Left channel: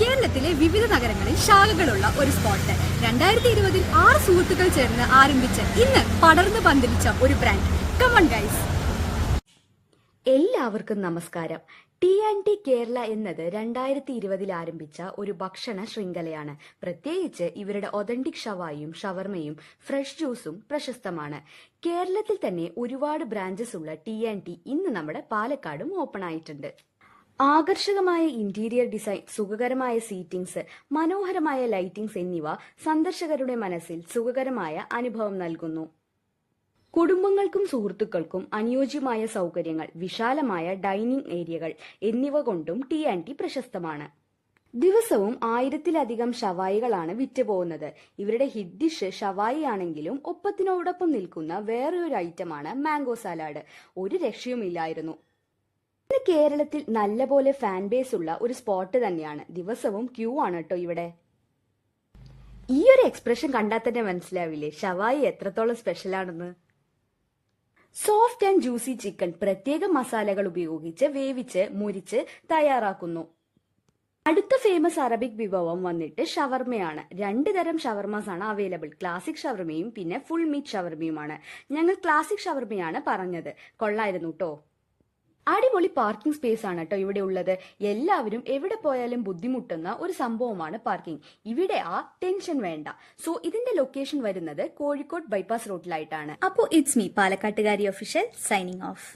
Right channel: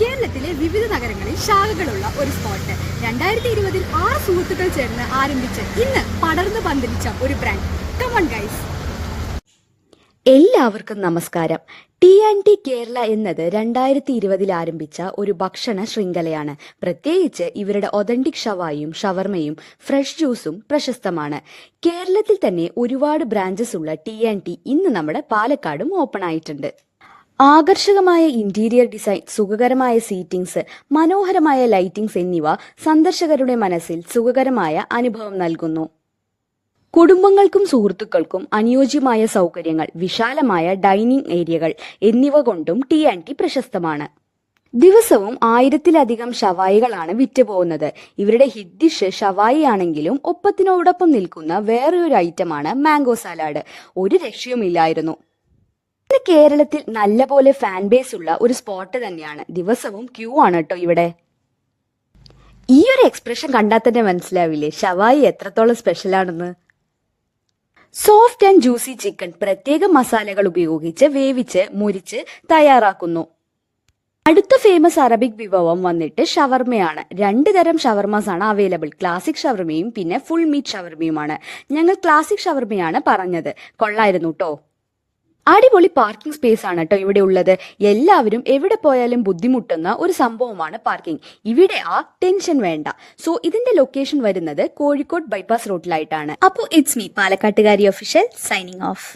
കേരളത്തിലെ വിവിധ നഗരങ്ങളിൽ ശാഖകളുള്ള ഒരു സ്പോട്ട് 2020 6 സുഹൃത്തുക്കൾ ചേർന്ന് ആരംഭിച്ച് ഇന്ന് പടർന്നു പന്തലിച്ച ഒരു ബ്രാൻഡ്. Come on guys. എല്ലാവർക്കും നമസ്കാരം. ടി കേരള എന്നത് 2020 ആരംഭിച്ച ഒരു ഭക്ഷണ ശൃംഖലയാണ്. പ്രത്യേകിച്ച് ഇവരുടെ ഒതന്റിക് ഷവായും ഷവർമയും ഫ്രഷ് ജ്യൂസും പ്രശസ്തമാണ്. കേരളത്തിൽ തന്നെ ഒരുപാട് ബ്രാഞ്ചസ് ഉള്ള ടി ഇന്ന് നമ്മുടെ പാലക്കാടും ഓപ്പൺ ആയിട്ടുണ്ട്. ആകർഷകമായ ഇന്റീരിയർ ഡിസൈൻ, സുഖകരമായ സീറ്റിംഗ്സ്, മനോഹരമായ ലൈറ്റിംഗ്സ് എന്നിവ സന്ദർശകരുടെ മനസ്സിൽ സുഖകരമായ അനുഭവം നൽകുന്നു. കുടുംബങ്ങൾക്കും സുഹൃത്തുക്കൾക്കും അനുയോജ്യമായ സൗകര്യങ്ങൾ, വിശാലമായ ഡൈനിങ് ഏരിയകൾ എന്നിവ കൊണ്ടും ടി പ്രശസ്തമാണ്. ദിവസവും 1000-ലധികം ഷവായികളാണ് വിറ്റുപോകുന്നത്. ഇവരുടെ ഹിറ്റ് ഡിഷ് ഷവായി ആണെങ്കിലും ഒപ്പത്തിനോടൊപ്പം നിൽക്കുന്ന വേറൊരു ഐറ്റമാണ് മാംഗോ സാലാഡ്. ഒരു രക്ഷയുമില്ലായിരുന്നു. ഇന്ന് കേരളത്തിൽ നല്ലപോലെ ഫാൻ ബേസ് ഉള്ള ഒരു സ്പോട്ട് തന്നെയാണ്. ദിവസവും ക്യൂ ആണ് കേട്ടോ ഇവിടെ. ഈ ഒരു എക്സ്പ്രഷൻ കണ്ടാൽ തന്നെ മനസ്സിലാവില്ലേ ഷവായി എത്രത്തോളം സ്പെഷ്യലാണെന്ന്. സോഫ്റ്റ് ആൻഡ് ജ്യൂസി ചിക്കൻ പ്രത്യേക മസാലകൾ ഉപയോഗിച്ച് വേവിച്ച് മുരിച്ച് തയ്യാറാക്കുന്നു. അടുത്ത ഫേമസ് അറബിക് വിഭവം വന്നിട്ട് ഷവർമയാണ്. 2 തരം ഷവർമാസ് ആണ് അവൈലബിൾ. ക്ലാസിക് ഷവർമയും പിന്നെ ഫുൾ മീറ്റ് ഷവർമയുമാണ്. ഞങ്ങൾ ക്ലാസിക് ഷവർമയാണ് പറഞ്ഞത്. കൊള്ളായിരുന്നു കേട്ടോ. അടിപൊളി പാർക്കിംഗ് സ്പേസ് ആണ് കേട്ടോ ഇവിടെ ഉള്ളത്. എല്ലാവരും എവിടെ പോയാലും ബുദ്ധിമുട്ടുന്ന ഒരു സംഭവമാണ് പാർക്കിംഗ്. ഇവിടെ ആ ടെൻഷൻ വേണ്ട. സോ ഇതിന്റെ ലൊക്കേഷൻ വരുന്നത് കോഴിക്കോട് ബൈപ്പാസ് റോഡിലായിട്ടാണ്. അപ്പോൾ ഇറ്റ്സ് മീ പാലക്കാട്ടുകാരി ഒഫീഷ്യൽ സൈനിങ് ഓഫ്.